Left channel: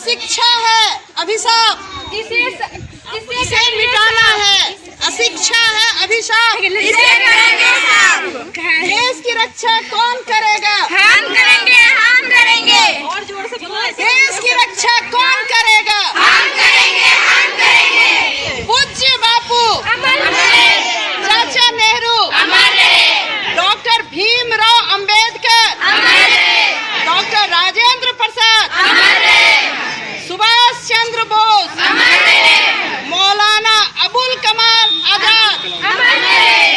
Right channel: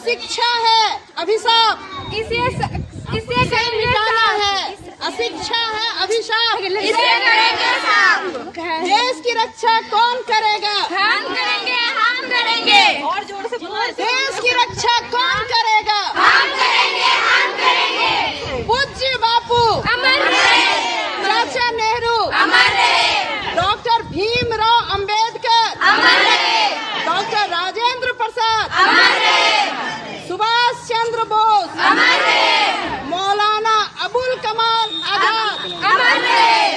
अशिक्षा है अभिशाप, इसे मिटाना है। अशिक्षा है अभिशाप, इसे करेंगे साफ। देश की रक्षा कौन करेगा? हम करेंगे, हम करेंगे। देश की रक्षा कौन करेगा? हम करेंगे, हम करेंगे। पूज्य बापू अमर रहे, चाचा नेहरू, अमर रहे, डॉक्टर भीमराव अंबेडकर, अमर रहे, डॉक्टर राजेंद्र प्रसाद, अमर रहे, सुभाष चंद्र बोस, अमर रहे, मौलाना अबुल कमाल आजाद, अमर रहे।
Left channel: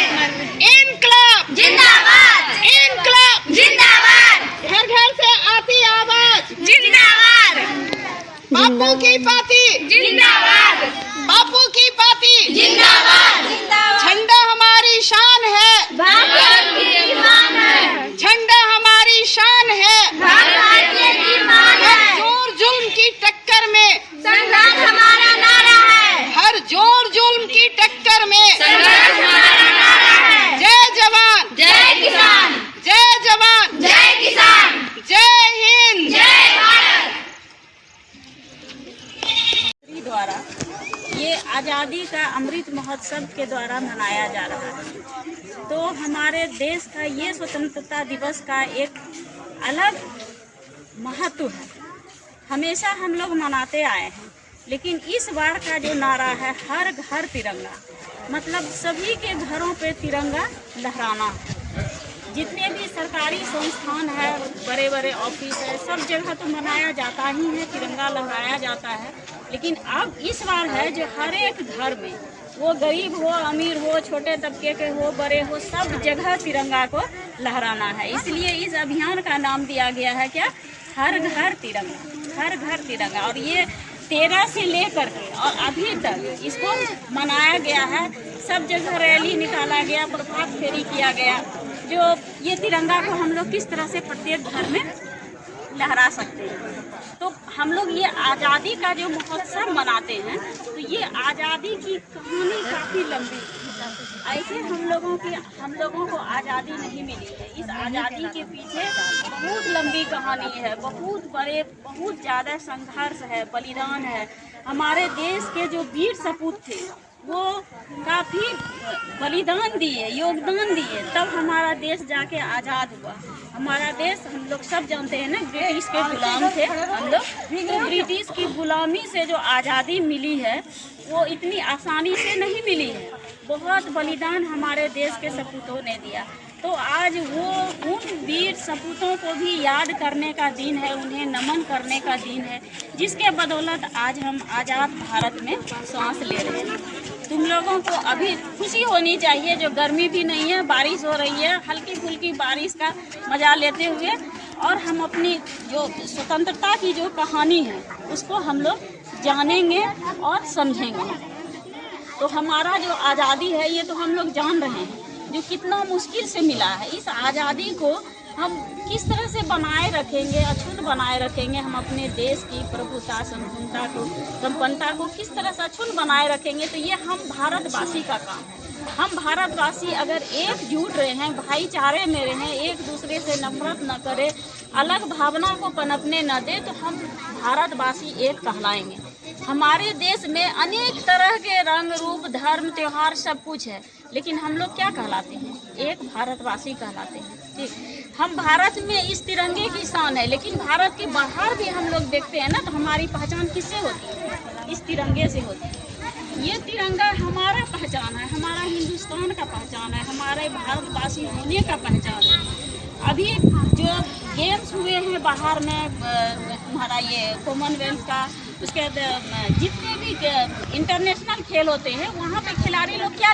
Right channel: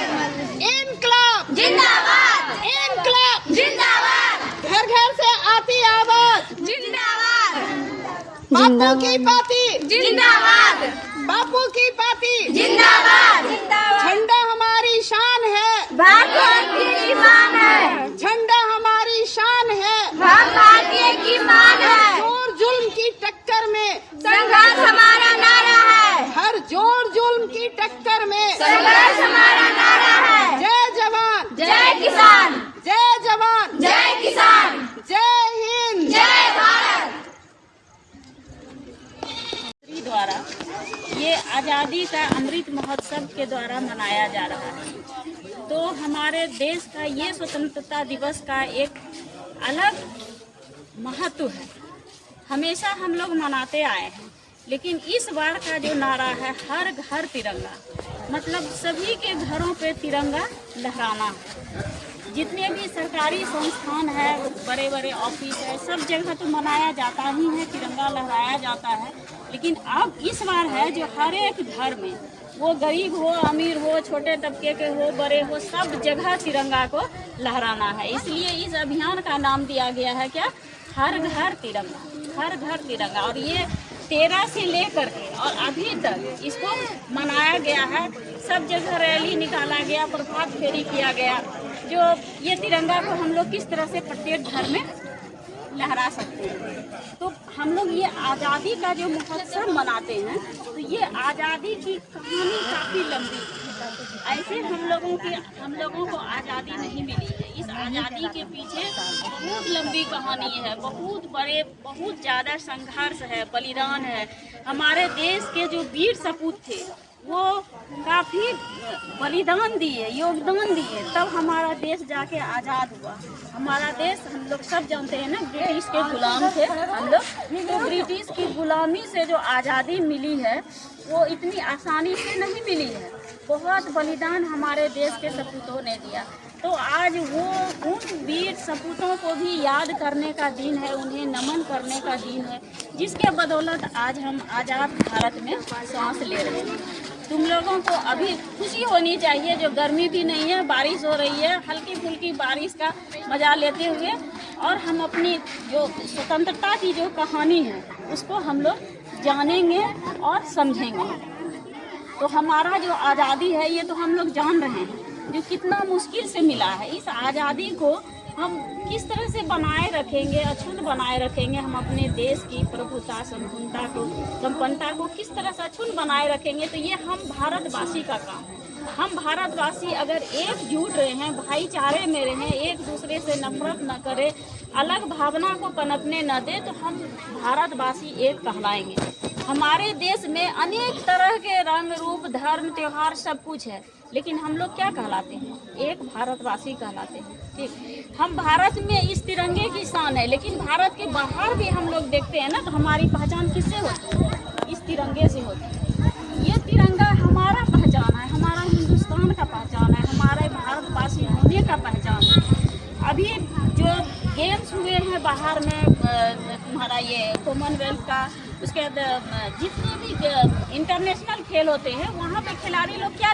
इनकलाब जिंदाबाद, इनकलाब, जिंदाबाद, घर घर से आती आवाज, जिंदाबाद, बापू की पाती, जिंदाबाद, बापू की पाती, जिंदाबाद। झंडा हमारी शान है, भारत की शान है, झंडा हमारी शान है। भारतीय की मान हर है, जोर जुल्म की टक्कर में, संघर्ष हमारा नारा है, हर जोर जुल्म की टक्कर में, संघर्ष हमारा नारा है। जय जवान, जय किसान, जय जवान, जय किसान, जय हिंद। जय भारत। द्वारा ये आज़ादी का अमृत महोत्सव के द्वारा मनाया जा रहा है। तो हमारे देश का ये स्वतंत्रता दिवस का एक अलग महत्व है। हमेशा हम लोग मनाते आए हैं, लेकिन इस बार का जो नारा है हर घर तिरंगा, मतलब सभी के घरों पे तिरंगा लहराना है। जितने भी सरकारी संस्थान है, बड़े बड़े ऑफिस है, सब जगह तो मनाया जाता ही है, तिरंगा लहराया जाता है। लेकिन अब इस बार है जो हर एक घर में, वो गरीब हो, अमीर हो, छोटे तबके के हो, बड़े हो, सब जगह तिरंगा को लहराना है। इसलिए इस अभियान का नाम दिया गया है क्या? हर घर तिरंगा, हर घर तिरंगा। और ये 13 से लेकर और अभी तक इसको मनाया गया है। सब जगह रैली निकाला गया, प्रभात फेरी किया गया। जो ये तिरंगा को हम लोग किस तरह से प्रत्येक घर में लहरा सकते हैं। तो हम लोग ये आज़ादी का जो महोत्सव मनाते हैं, तो ये आज़ादी की कहानी काफ़ी लंबी है। ऐसे हम लोगों को आज़ादी नहीं मिली है। इस आज़ादी के पीछे बहुत लंबी कहानी है, बहुत ज़्यादा संघर्ष है, बलिदान है। हमारे देश के जो वीर सपूत थे वो काफ़ी बलिदान दिए, योगदान दिए, तब हमारा देश जाके आज़ाद हुआ। हमारा देश, हम लोग सब जानते हैं ना, ब्रिटिश के गुलाम थे हम लोग। तो ब्रिटिश की गुलामी से जो आज़ादी मिली है वो इतनी आसानी से नहीं मिली है। बहुत बलिदान हमारे देश के सपूतों ने दिया। तो आज वो उन वीर सपूतों को भी याद करने का दिन है, उन्हें नमन करने का दिन है, जिसके बदौलत आज हम आज़ाद भारत में सांस ले रहे हैं। तुम लोगों को अभी खुशी होनी चाहिए, जो गर्मी भी नहीं है, बारिश हो रही है, हल्की फुल्की बारिश का मजा लेते हुए, और हम अपनी जो स्वतंत्रता की जो कहानी है उसको हम लोग जानेंगे और समझेंगे। तो हमारा जो आज़ादी है ये तो हम लोग जान रहे हैं, जो कितना मुश्किल से मिला है। इस आज़ादी को हम किस तरह से बनाए रखेंगे, अक्षुण्ण बनाए रखेंगे, हम अपने देश की प्रभुता, संपूर्णता को, संपन्नता को किस तरह से अक्षुण्ण बनाए रखेंगे, तो ये हम भारतवासी का काम है। हम भारतवासी अगर एकजुट रहे हैं, भाईचारे में रहें, एक दूसरे से नफरत न करें, अलग भावना को पनपने न दे, तो हम भारतवासी एक कहलाएंगे। हमारे देश में अनेक तरह के रंग, रूप, धर्म, त्योहार सब कुछ है, लेकिन हम लोग क्या कहलाते हैं? एक भारतवासी कहलाते हैं। ठीक, हम भारत में इस तिरंगे की शान है, लेकिन भारत के बाहर भी हम लोग देखते हैं ना, तो हमारी पहचान किससे होती है? इस तिरंगे से होती है। ये तिरंगा हमारा पहचान है, हमारा हिंदुस्तान का पहचान है, हमारे भारतवासी होने का पहचान है। अभी जो गेम्स हुए हैं बाहर में, तुम्हारा ये कॉमनवेल्थ का, उसके बाद जितने भी इंटरनेशनल खेल होते हैं, वहाँ पे खिलाड़ी लोग क्या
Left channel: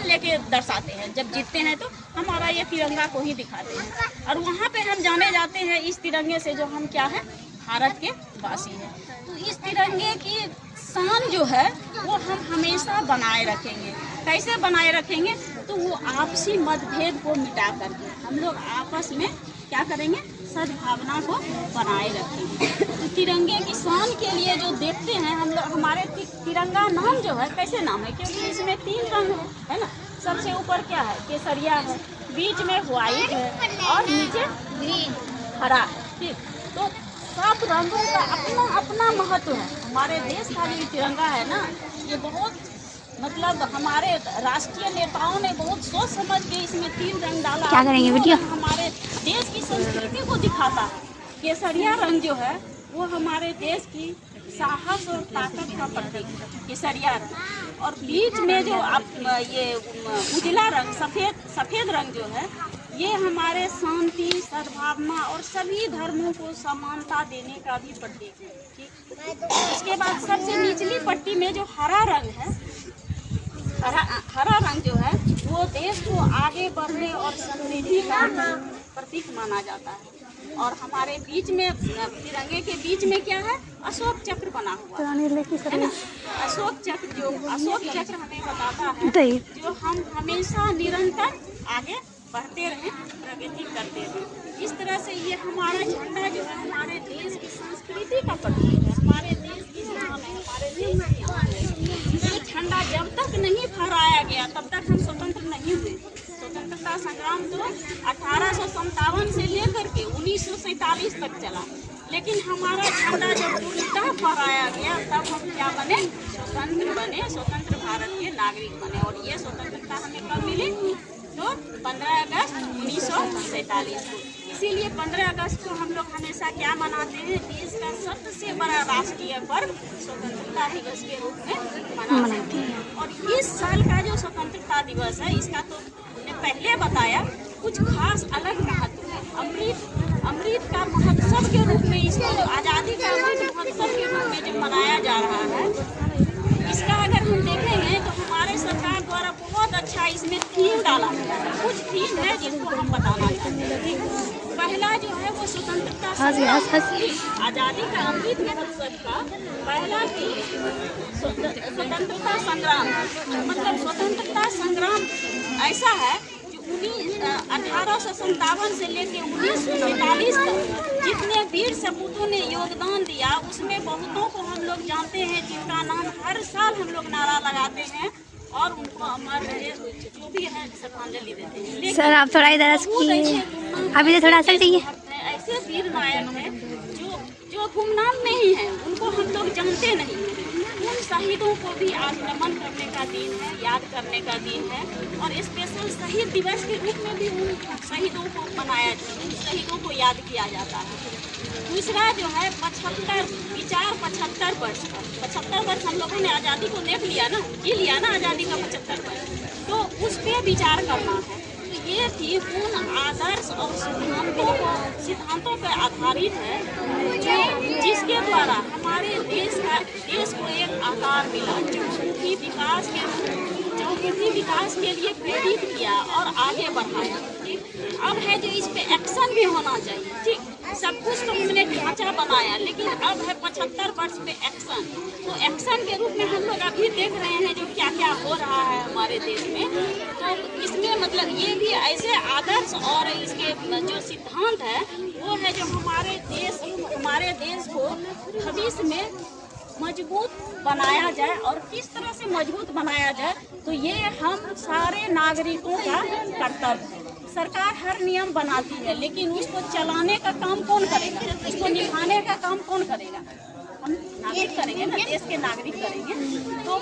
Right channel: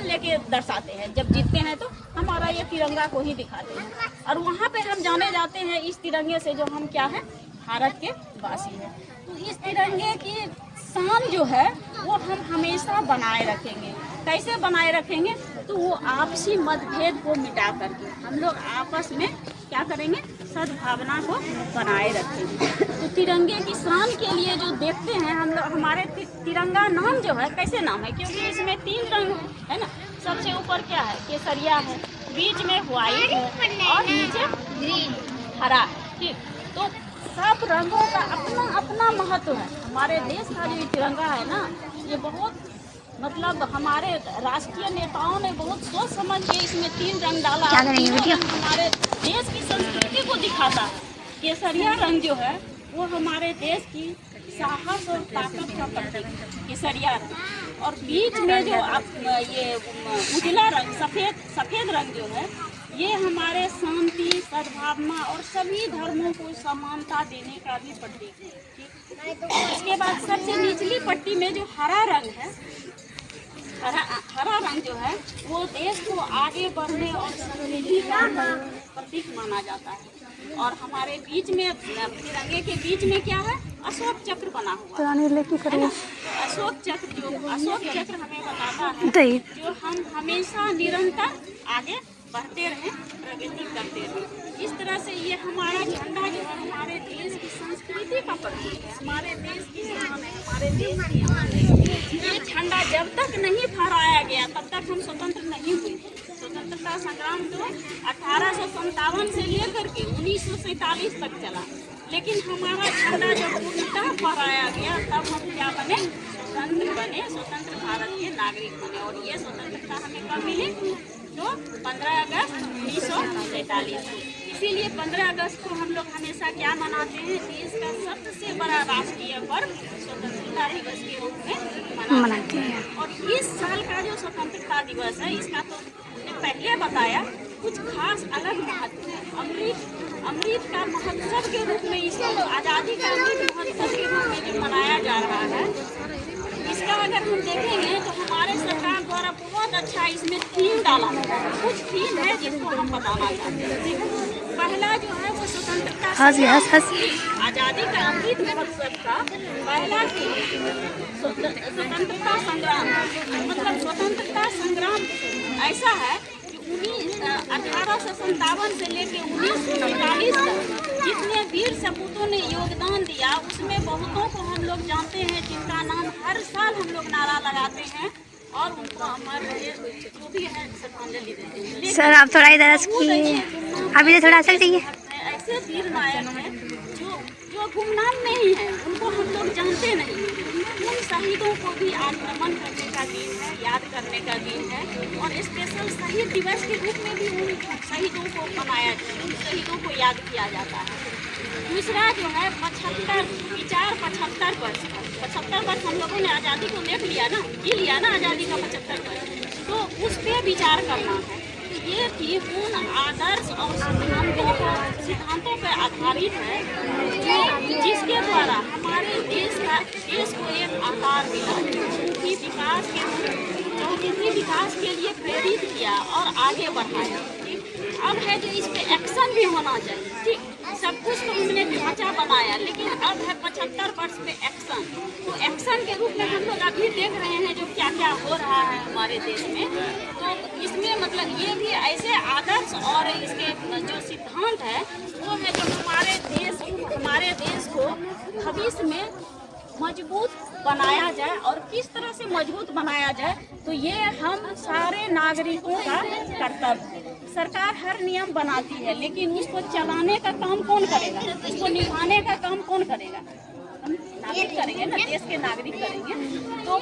लेके दर्शाते हैं? जब जीतते हैं तो हमारा ये तिरंगा को ही दिखाते हैं, और वहाँ पे हम जाने जाते हैं इस तिरंगे से, जो हम क्या है? भारत के वासी हैं। तो इस तिरंगे की शान जो है वो हम हमेशा बनाए रखेंगे। कैसे बनाए रखेंगे? तो वो आपसी मतभेद को मिटा करके हम लोग आपस में क्या करेंगे? सद्भावना को बनाए रखेंगे। तो तिरंगे की शान के लिए जो देखते हैं हम लोग, हमारे तिरंगा नाम जो है कैसे नाम है? क्योंकि इसमें 3 रंग है ना। सबसे ऊपर क्या है? केसरिया है, बीच में व्हाइट है और नीचे हरा है। ठीक, तो सब बहुत रंगों का अपना अपना महत्व है। हमारे देश का जो तिरंगा है ना, ये बहुत मतलब हमारे राष्ट्रीय नेताओं ने बहुत सोच समझ के इसमें 3 रंग डाला। क्या करेंगे बेटिया? हमारे देश की संस्कृति को दिखाता है। केसरिया रंग जो है वो हमारे देश की साहस और ताकत का प्रतीक है, केसरिया रंग। और बीच में जो ये उजला रंग, सफेद रंग जो है, ये हमारे शांति, सद्भावना और सभी धर्मों को समानता देने का भी प्रतीक है। ठीक, उसके बाद सबसे निचली पट्टी में जो हरा रंग है, हरा रंग जो है वो देश को आगे बढ़ने और समृद्धि का प्रतीक माना जाता है। और हमारे बीच में, तिरंगे के बीच में क्या है? अशोक चक्र बना हुआ है ना? अशोक चक्र हमें बताता है जो हम हमेशा निरंतर आगे बढ़ते रहें, प्रगति करते रहें। इस तरह से ये हमारा झंडा जो है हमारे देश की संस्कृति का प्रतीक है, हमारे देश की शान है, हमारे देश की शान है। ये झंडा जब तक नहीं फहराया गया तब तक हम स्वतंत्र नहीं हुए। स्वतंत्रता संग्राम तो 1857 से लेकर के 1947 तक चला, लेकिन हमारा झंडा जब पूर्णतः फहराया गया तब हम क्या बने? स्वतंत्र बने, स्वतंत्र भारत के नागरिक बने। और ये स्वतंत्रता हमें कब मिली? तो 15 अगस्त 1947 को। इसीलिए 15 अगस्त को हम लोग हमेशा क्या मनाते हैं? देश का सबसे बड़ा राष्ट्रीय पर्व स्वतंत्रता दिवस के रूप में मनाते हैं। और इस साल का जो स्वतंत्रता दिवस है, इसका तो हमने पहले बताया, कुछ खास अलग महत्व है। अमृत का महोत्सव के रूप में, इसको आज़ादी का अमृत महोत्सव के रूप में जो मनाया जा रहा है, इसका अगर हम देखेंगे तो हमारे सरकार द्वारा बहुत अच्छा इसमें थीम डाला गया है। कुछ थीम है जिसको हम बताना चाहते हैं। पहला जो है वो स्वतंत्रता आज़ादी का अमृत महोत्सव का पहला थीम स्वतंत्रता संग्राम। मतलब स्वतंत्रता संग्राम ऐसा है कि 1857 से लेकर 1947 तक जितने वीर सपूतों ने योगदान दिया, उसमें बहुतों को हम लोग जानते हैं, जिनका नाम हर साल हम लोग नारा लगाते हैं और उनको हमारे जो भी है श्रद्धांजलि देते हैं। सर आप थोड़ा इधर अभी तो थोड़ा असर चाहिए। ऐसे वीर नायक हैं जो गुमनाम नहीं है, उनको हम लोग जानते नहीं। उन शहीदों को भी आज नमन करने का दिन है, याद करने का दिन है। और स्पेशल शहीद दिवस के रूप में भी उन शहीदों को मनाया जाता है, उन शहीदों को याद किया जाता है। दूसरा जो है 75 वर्ष पर 75 वर्ष हम लोगों ने आज़ादी को देख लिया ना, जी लिया ना आज़ादी का 75 वर्ष, तो उस पर विचार करना है। ये थी उन आदर्श और सिद्धांतों पर आधारित है जिसके द्वारा हमारे देश को एक आकार मिला, जो विकास के लिए प्रेरित किया और आगे बढ़ाया। ठीक, अब है जो इस पे एक्शन भी होना चाहिए। ठीक, सब कुछ तो हमने ढांचा बनाया, लेकिन अब है 75 वर्ष पे एक्शन। तो एक्शन के रूप में हम लोग अभी देख रहे हैं जो क्या क्या हो रहा है हमारे देश में। तो इसमें मतलब ये भी ऐसे आदर्श और इसके जो सिद्धांत है वो है जो हमारे देश को भविष्य में मजबूत बनाया जाए। और किस तरह से मजबूत बनाया जाए, तो ये हम सारे नागरिकों का कर्तव्य है। सरकार हर नियम बनाती है, लेकिन उसको चलाने का काम कौन करेगा? उसको निभाने का काम कौन करेगा? हम नागरिक करेंगे ना, देश के नागरिक करेंगे। तो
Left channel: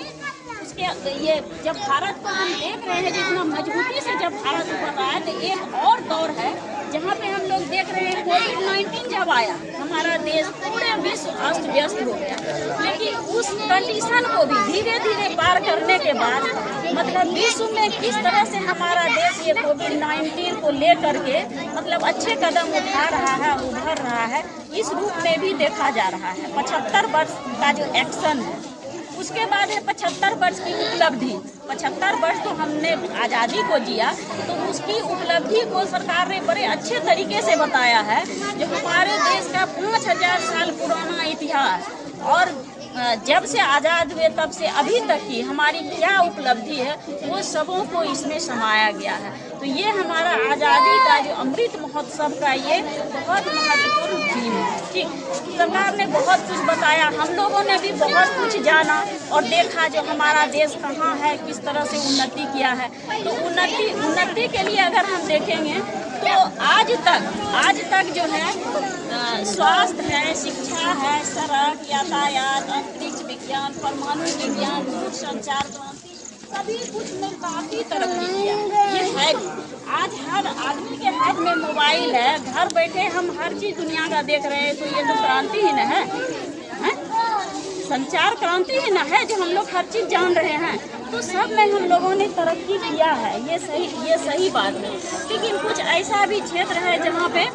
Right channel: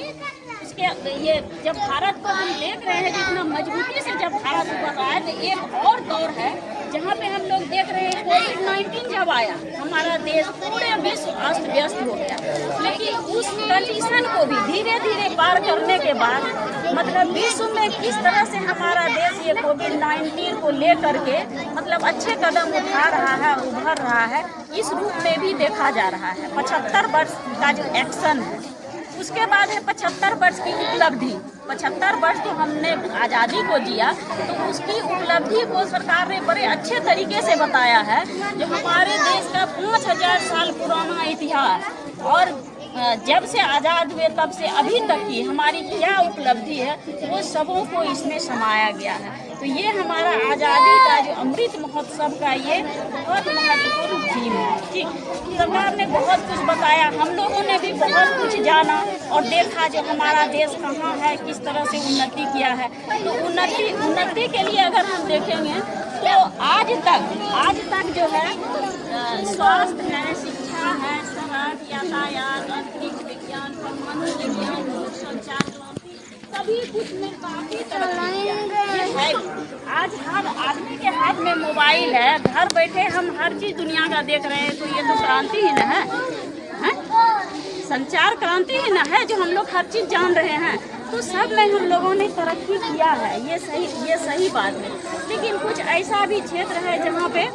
उसके ये जब भारत को हम देख रहे हैं जितना मजबूती से जब भारत बढ़ रहा है, तो एक और दौर है जहाँ पे हम लोग देख रहे हैं कोविड-19 जब आया, हमारा देश पूरे विश्व अस्त व्यस्त हो गया। लेकिन उस कंडीशन को भी धीरे धीरे पार करने के बाद मतलब विश्व में किस तरह से हमारा देश ये कोविड-19 को लेकर के मतलब अच्छे कदम उठा रहा है, उभर रहा है, इस रूप में भी देखा जा रहा है। 75 वर्ष का जो एक्शन है, उसके बाद है 75 वर्ष की उपलब्धि। 75 वर्ष तो हमने आज़ादी को जिया, तो उसकी उपलब्धि को सरकार ने बड़े अच्छे तरीके से बताया है। जो हमारे देश का 5000 साल पुराना इतिहास और जब से आज़ाद हुए तब से अभी तक की हमारी क्या उपलब्धि है, वो सबों को इसमें समाया गया है। तो ये हमारा आज़ादी का जो अमृत महोत्सव का ये बहुत महत्वपूर्ण थीम है। ठीक, सरकार ने बहुत कुछ बताया, हम लोगों ने भी बहुत कुछ जाना और देखा जो हमारा देश कहाँ है, किस तरह से उन्नति किया है। तो उन्नति के लिए अगर हम देखेंगे तो आज तक जो है स्वास्थ्य है, शिक्षा संचार क्रांति सभी कुछ में काफी तरक्की किया है। ये है आज हर आदमी के हाथ में मोबाइल है, घर बैठे हम हर चीज दुनिया का देख रहे हैं, तो ये तो क्रांति ही न है, हैं? संचार क्रांति ही न है जो हम लोग हर चीज जान रहे हैं। तो सब में हम लोगों ने तरक्की किया है, ये सही बात है। लेकिन कुछ ऐसा भी क्षेत्र है जहाँ पे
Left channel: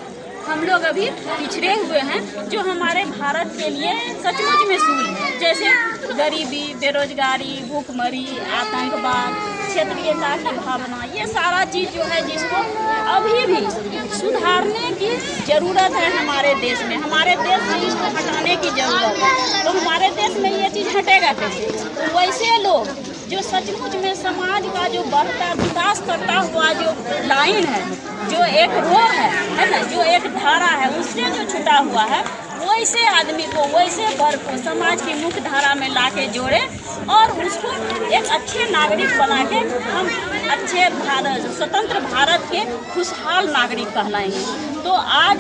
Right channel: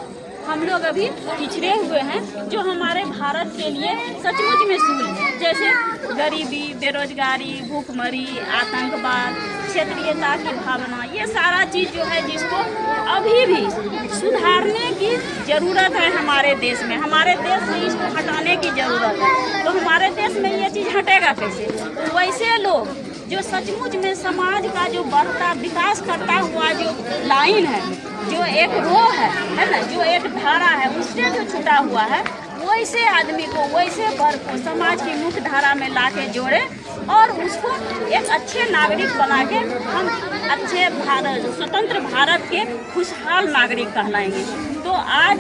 हम लोग अभी पिछड़े हुए हैं, जो हमारे भारत के लिए सचमुच में सूल है। जैसे गरीबी, बेरोजगारी, भूखमरी, आतंकवाद, क्षेत्रीयता की भावना, ये सारा चीज़ जो है जिसको अभी भी सुधारने की ज़रूरत है हमारे देश में। हमारे देश में इसको हटाने की ज़रूरत है। तो हमारे देश में ये चीज़ हटेगा कैसे? तो वैसे लोग जो सचमुच में समाज का जो बढ़ता विकास करता हुआ जो लाइन है, जो एक रो है ना, जो एक धारा है, उससे जो छुटा हुआ है, वैसे आदमी को, वैसे वर्ग को समाज की मुख्य धारा में लाके जोड़े और उसको एक अच्छे नागरिक बना के हम अच्छे भारत, स्वतंत्र भारत के खुशहाल नागरिक कहलाएंगे। तो आज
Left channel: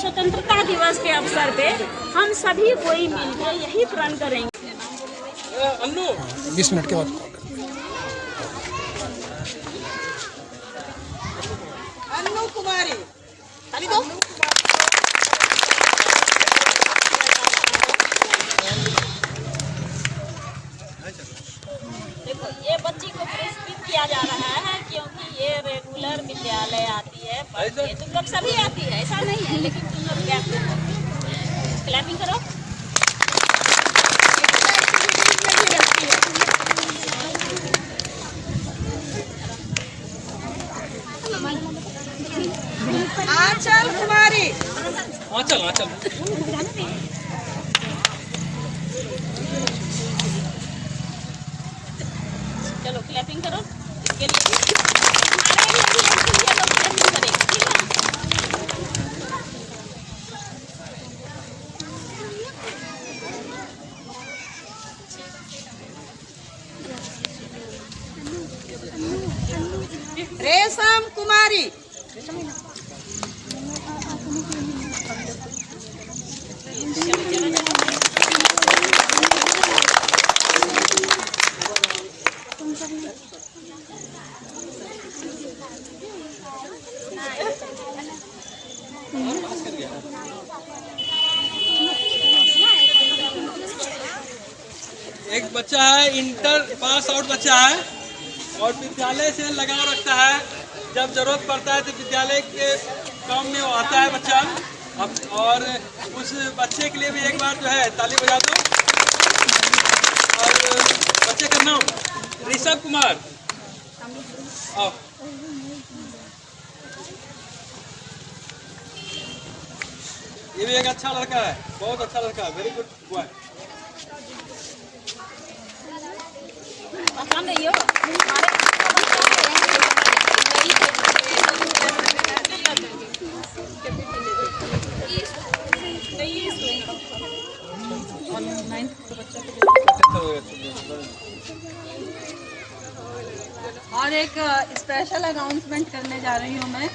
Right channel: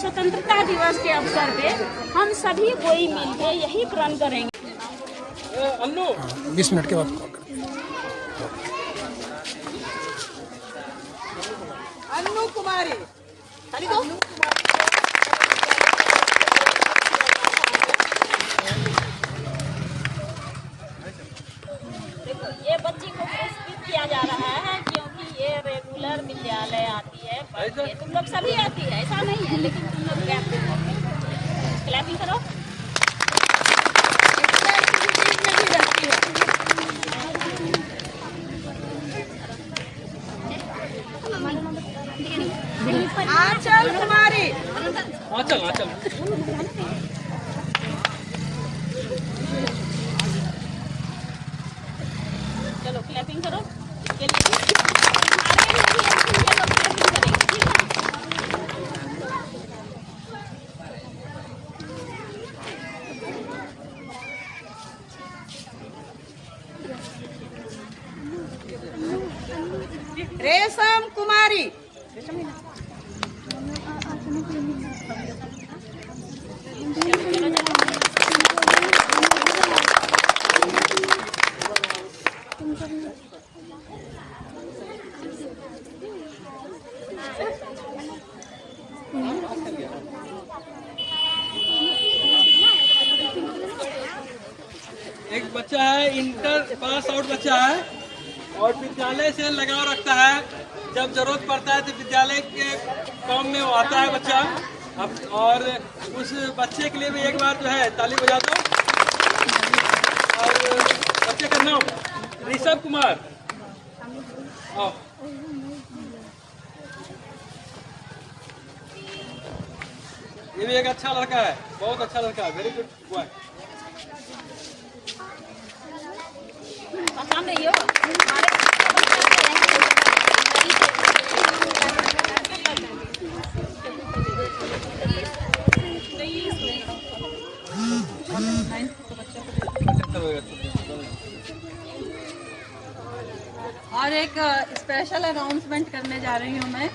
स्वतंत्रता दिवस के अवसर पे हम सभी कोई मिलके यही प्रण करेंगे। 20 मिनट के बाद कॉल करें। अन्नू कुमारी, खाली दो। देखो, ये बच्ची को पुरस्कृत किया जा रहा है क्योंकि ये रेगुलर विद्यालय आती है, पढ़ती है। तुम लोग सभी आती है, ऐसा नहीं है, लेकिन तुम लोग क्लैपिंग करो। आंचल कुमारी, आंचल चलो क्लैपिंग करो इसके लिए भी। हमारे लिए भी ये लोग क्लैपिंग करेंगे, ठीक रेशम कुमारी, एक बच्चा है, इंटर पास आउट बच्चा है और विद्यालय से लगाव रखता है। जब जरूरत पड़ता है तो विद्यालय के काम में वो आता है बच्चा। अब और उस बच्चे के लिए भी एक बार जो है ताली बजा दो। और बच्चे का नाम ऋषभ कुमार। आओ। ये भी एक अच्छा लड़का है, बहुत अच्छा लड़का है, वेरी गुड बॉय। पहचान रही हो हमारे और एक स्पेशल अनाउंसमेंट करने जा रही हूँ मैं।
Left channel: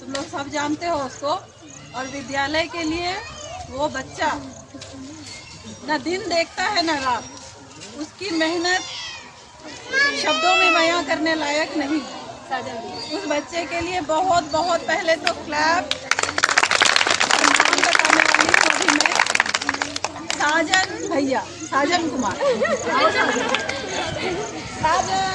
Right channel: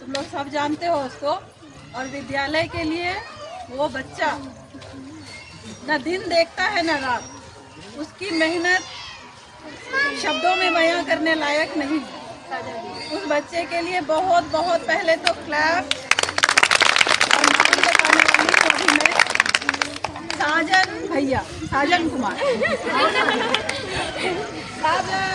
तुम लोग सब जानते हो उसको, और विद्यालय के लिए वो बच्चा न दिन देखता है न रात, उसकी मेहनत शब्दों में बयां करने लायक नहीं है। उस बच्चे के लिए बहुत बहुत पहले तो क्लैप, और नाम बताने वाली को भी मैं, साजन भैया, साजन कुमार, साजन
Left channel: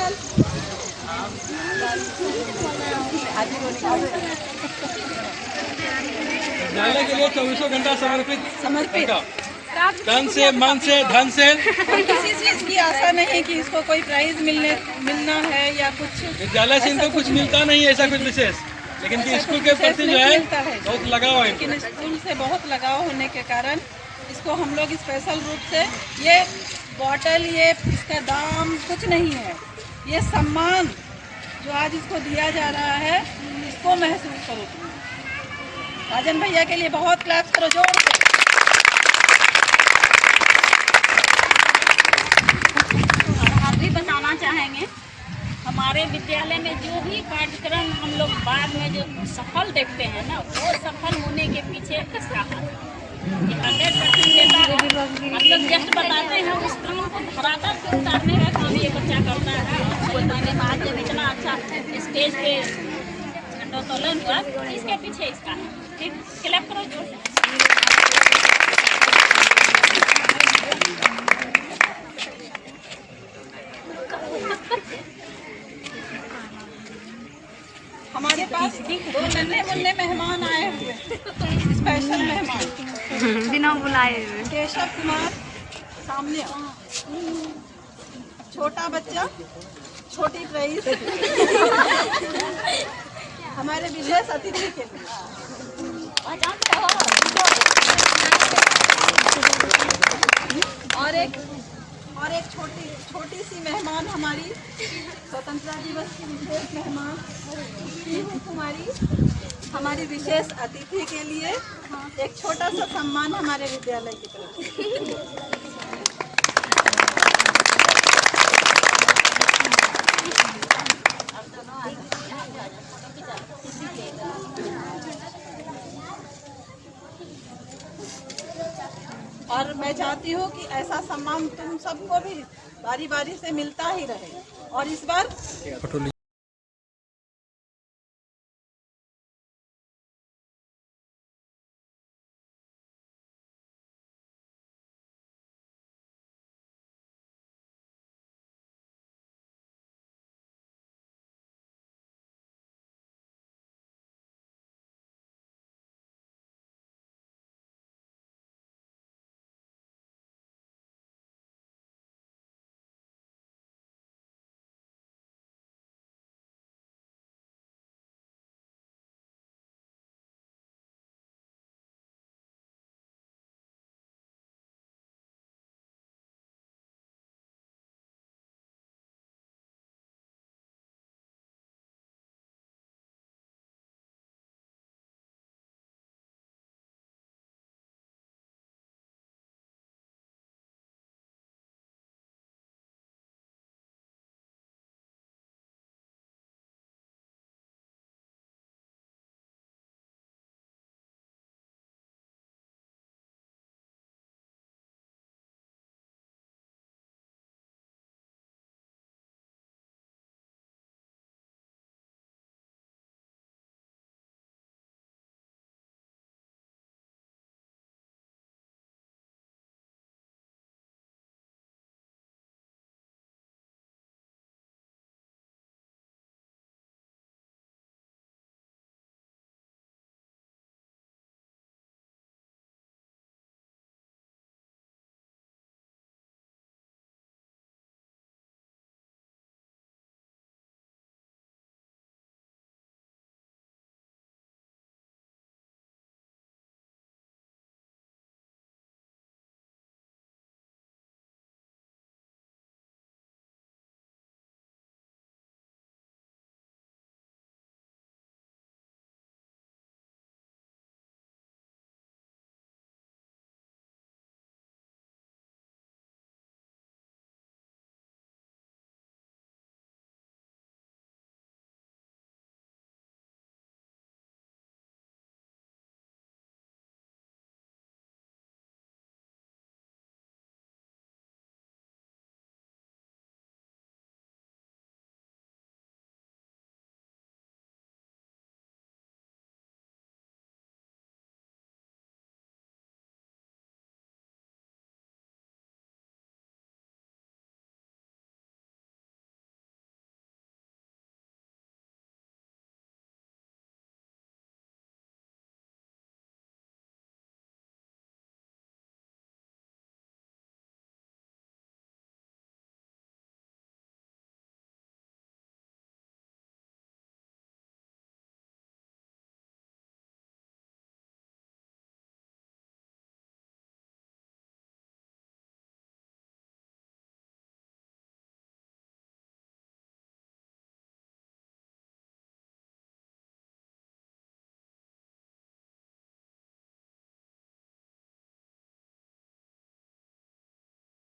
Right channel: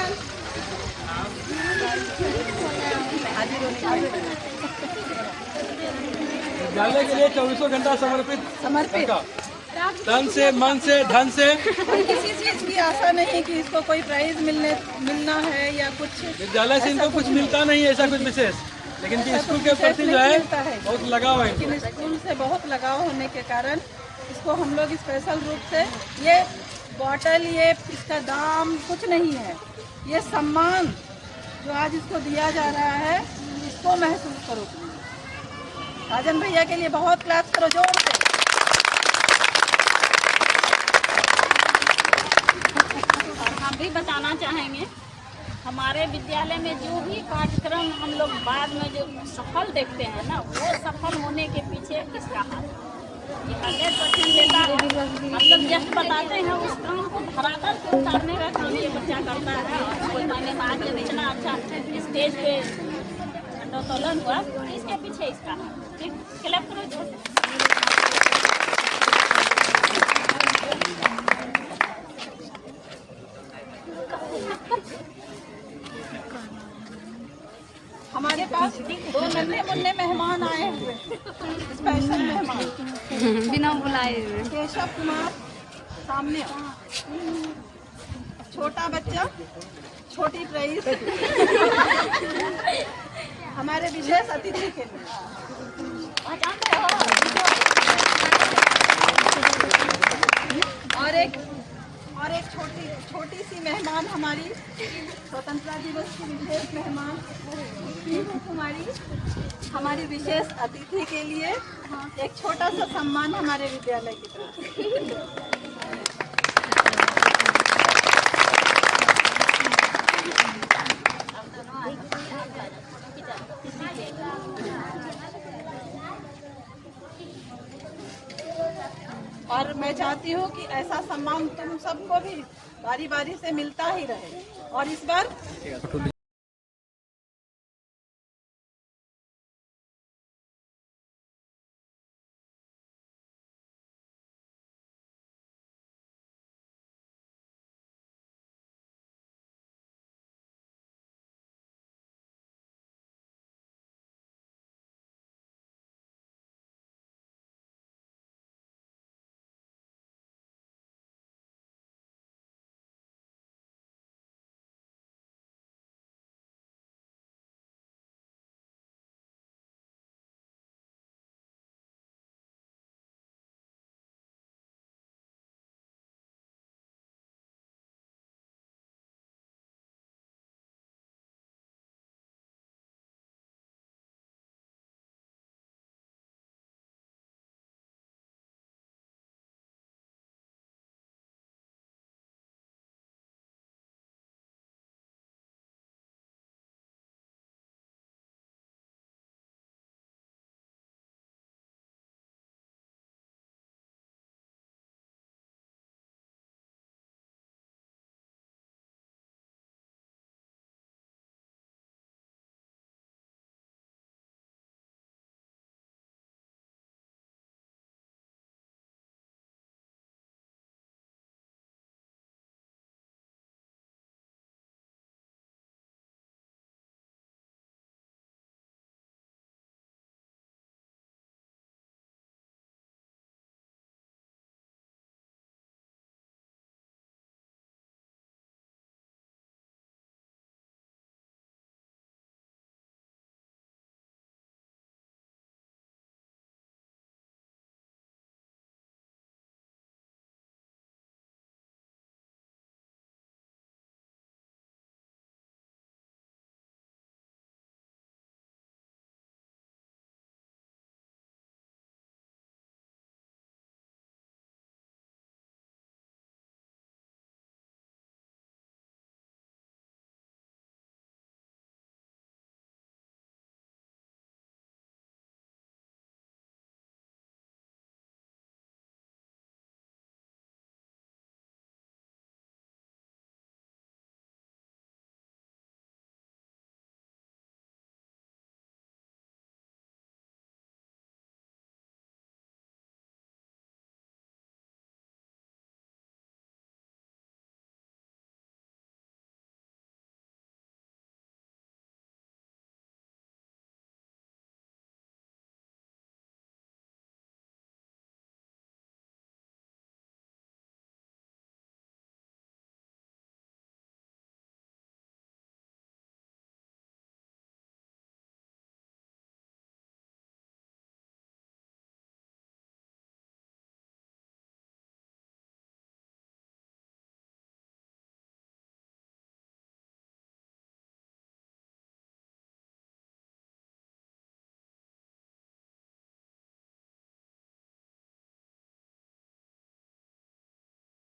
विद्यालय के लिए 24 घंटा समर्पित तन से, मन से, धन से। कोई किसी चीज की आशा नहीं कि इसको कोई प्राइज मिलना है या कुछ। विद्यालय से इनको कुछ मिलता नहीं है ऐसा कुछ विशेष, लेकिन स्कूल के प्रति जो है बहुत लगाव है। लेकिन स्कूल से बहुत लगाव होने के कारण इसको हम लोग स्पेशल रूप से, ये बॉटल, ये इसका दाम कुछ नहीं है, ये सम्मान जो आज इसको दिया जा रहा है, इसको महसूस करो। राजन भैया के लिए बहुत क्लैप्स करो जोर से। भी बताना चाहेंगे, हमारे विद्यालय में जो भी कार्यक्रम हम लोग बाद में जो सफल देखते हैं ना, वो सफल होने के पीछे इसका हाथ है। 100% मतलब जस्ट बताते हैं उस काम को धरातल पे उतारने का काम ये बच्चा करता है। इतना अच्छा स्टेज पे झंडोत्तोलन हुआ, इसके पीछे इसका ठीक क्लैप करो जोर से। हमारे पास 2 नन्हे मुन्ने मेहमान आए हुए, स्पेशल मेहमान बिना बुलाए। केशव कुमार सामने आओ। छोटा बच्चा, छोटी प्राइस हमारे विशेष अतिथि के लिए जानते हो। और एक छोटी सी मेहमान हमारी स्वतंत्रता दिवस की विशेष मेहमान पीहू कुमारी हमारी विशेष अतिथि के लिए एक छोटा सा सम्मान हमारे विद्यालय की तरफ से। और मैं चाहती हूँ कि ऐसा सम्मान तुम सबको भी बारी बारी से मिलता ही रहे। और इस बार